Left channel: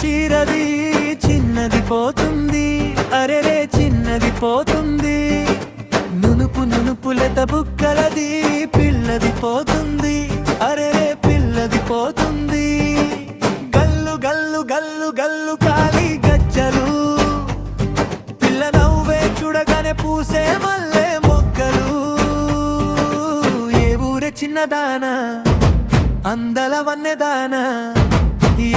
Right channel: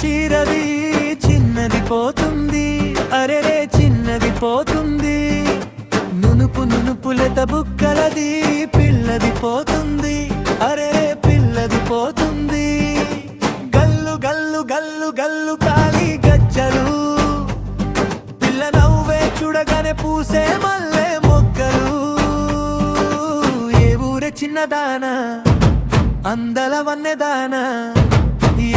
చీరది చిన్నది పోతుంది, అరెరే చిన్నది పోతుంది. నునుపు నునుపులెత బుక్కలది పిల్లది పోతుంది, అరెరే పిల్లది పోతుంది. గల్లు గల్లు గల్లు గల్లు కాలి గజ్జలు, పిల్ల నవ్వే చూడగానే పూసే మల్లె మొగ్గలు. ఏ ఊరే చిన్నదానా అందల వన్నెదానా,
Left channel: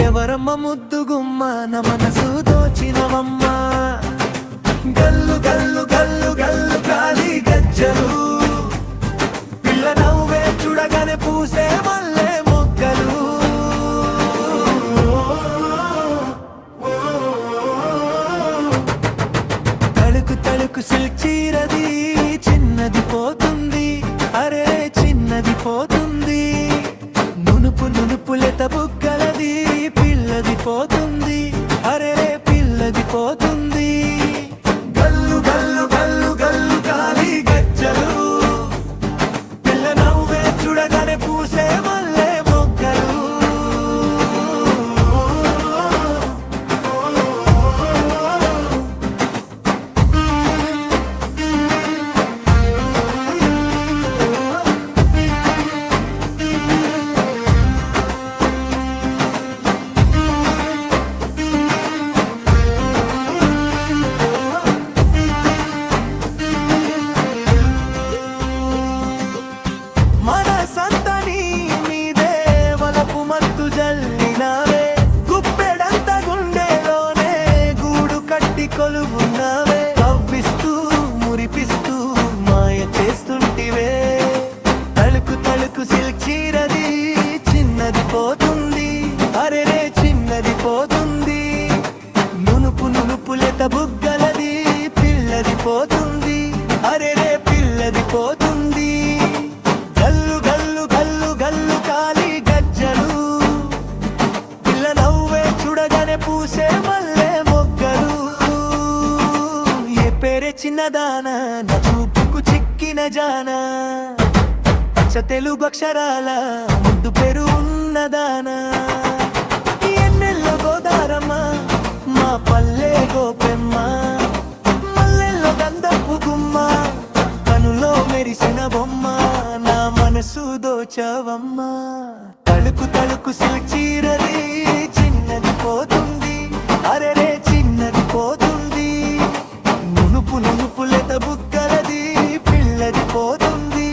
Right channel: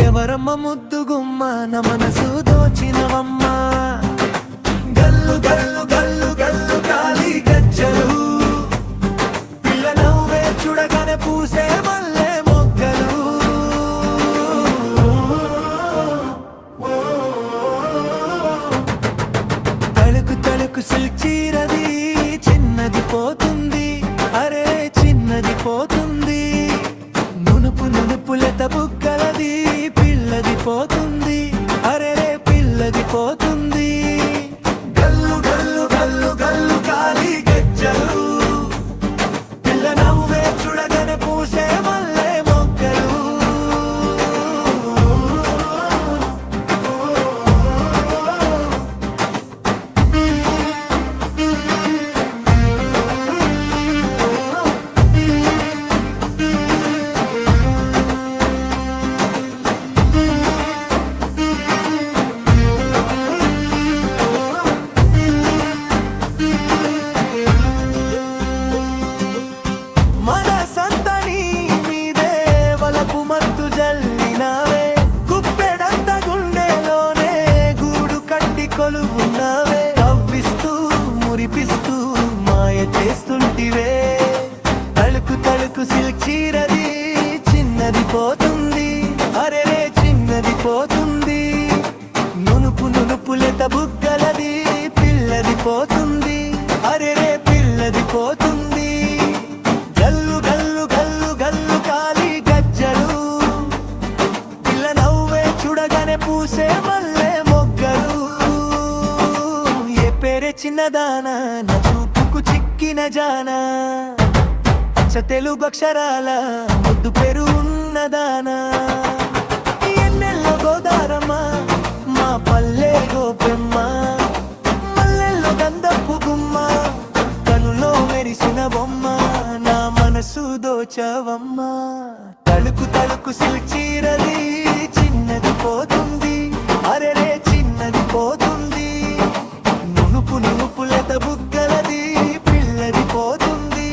ఎవరమ్మ ముద్దుగుమ్మ నా మనసు దోచినవమ్మ. గల్లు గల్లు గల్లు గల్లు కాలి గజ్జలు, పిల్ల నవ్వే చూడగానే పూసే మల్లె మొగ్గలు. తళుకు తళుకు సిల్క్ చీరది చిన్నది పోతుంది, అరే చిన్నది పోతుంది. నునుపు నునుపులెత బుగ్గలది పిల్లది పోతుంది, అరెరే పిల్లది పోతుంది. గల్లు గల్లు గల్లు గల్లు కాలి గజ్జలు, పిల్ల నవ్వే చూడగానే పూసే మల్లె మొగ్గలు. మనసంతని మీదే వలపు మత్తు జల్లినావే, గుప్పెడంత గుండెలోనే గూడు కట్టి కొలువున్నావే. కవ్విస్తూ మురిపిస్తూ మాయ చేస్తుంటివే. తళుకు తళుకు సిల్క్ చీరది చిన్నది పోతుంది, అరెరే చిన్నది పోతుంది. నునుపు నునుపులెత బుగ్గలది పిల్లది పోతుంది, అరెరే పిల్లది పోతుంది. గల్లు గల్లు గల్లు గల్లు కాలి గజ్జలు, పిల్ల నవ్వే చూడగానే పూసే మల్లె మొగ్గలు. ఏ పేరే చిన్నదానా నా చూపుకు చిక్కిన జానా, అచ్చ తెలుగు అక్షరాల ముద్దు పేరు ఉన్నదానా. ఎన్నెల్లో గోదారమ్మ మా పల్లె గోపెమ్మ, మల్లెల్లో గంధపు గుమ్మ, కనులో మెరిసిన బొమ్మ నా మనసు దోచవమ్మ. తళుకు తళుకు సిల్క్ చీరది చిన్నది పోతుంది, అరెరే చిన్నది పోతుంది. నునుపు నునుపులెత బుగ్గలది పిల్లది పోతుంది,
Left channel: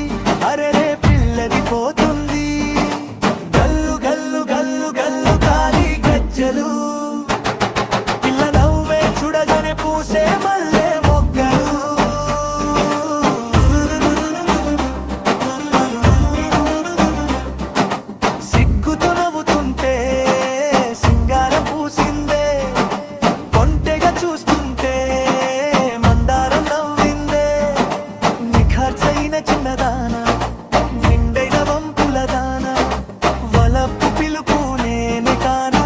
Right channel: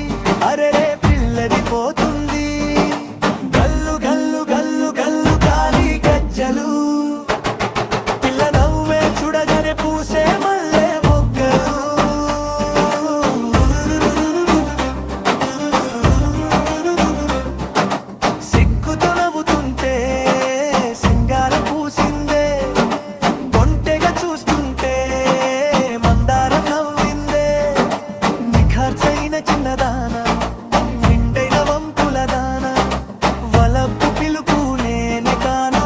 అరెరే పిల్లది పోతుంది. గల్లు గల్లు గల్లు గల్లు కాలి గజ్జలు, పిల్ల నవ్వే చూడగానే పూసే మల్లె మొగ్గలు. సిగ్గుతో నవ్వుతుంటే సింగారం పూసిందే, కొంటెగా చూస్తుంటే మందారం నవ్విందే. నిఖార్చైన చిన్నదానా నిండైన వంపుల దానా, వలపు పిలుపు నేనే కానా.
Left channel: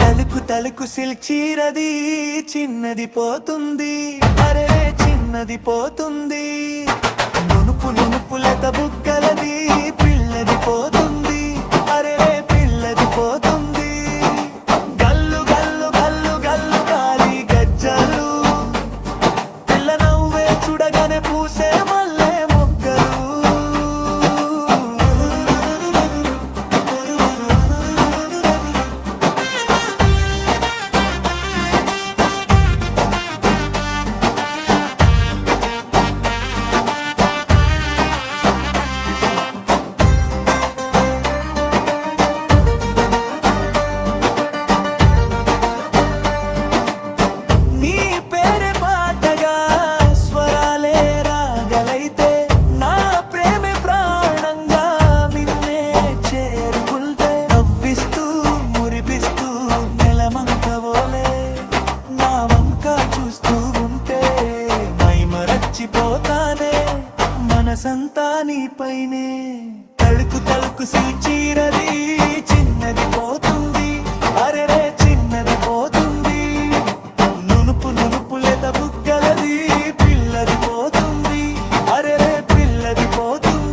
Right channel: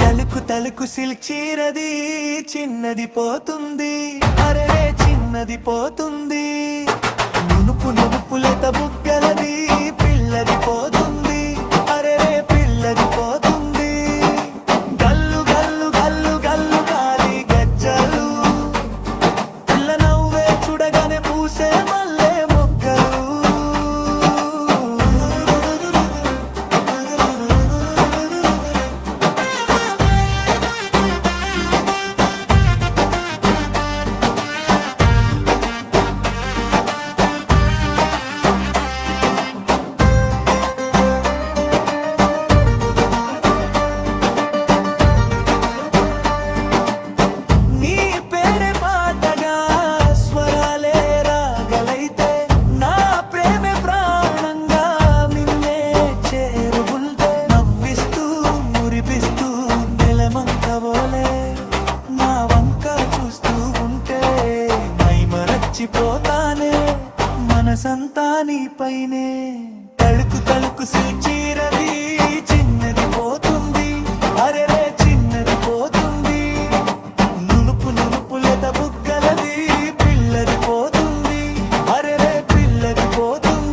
తలుకు తలుకు సిల్క్ చీరది చిన్నది పోతుంది, అరే చిన్నది పోతుంది. నునుపు నునుపులెత బుగ్గలది పిల్లది పోతుంది, అరెరే పిల్లది పోతుంది. గల్లు గల్లు గల్లు గల్లు కాలి గజ్జలు, పిల్ల నవ్వే చూడగానే పూసే మల్లె మొగ్గలు. నీ పేరే పాటగా స్వరాలే రాగలైతే, నా ప్రేమే ప్రాణంగా మిన్నే చేరుగుల్తే. నవ్విస్తూ మురిపిస్తూ నెలమంకవోలే నా వంక చూస్తూ ఉంటే మైమరచిపోతానే, మనసంతా నీపైనే. తళుకు తళుకు సిల్క్ చీరది చిన్నది పోతుంది, అరెరే చిన్నది పోతుంది. నునుపు నునుపులెత బుగ్గలది పిల్లది పోతుంది, అరెరే పిల్లది పోతుంది.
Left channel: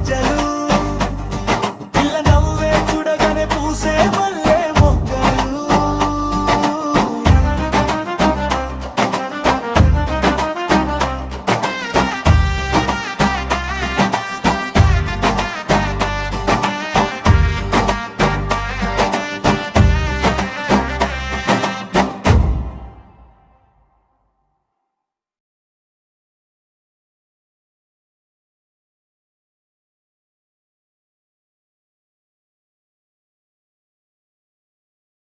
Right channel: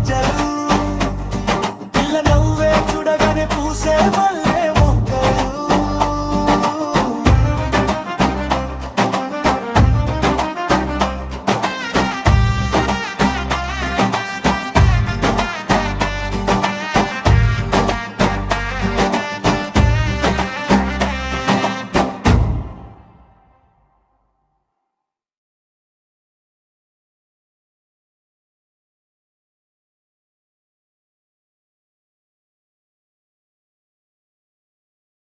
గజ్జలు పిల్ల నవ్వే చూడగానే పూసే మల్లె మొగ్గలు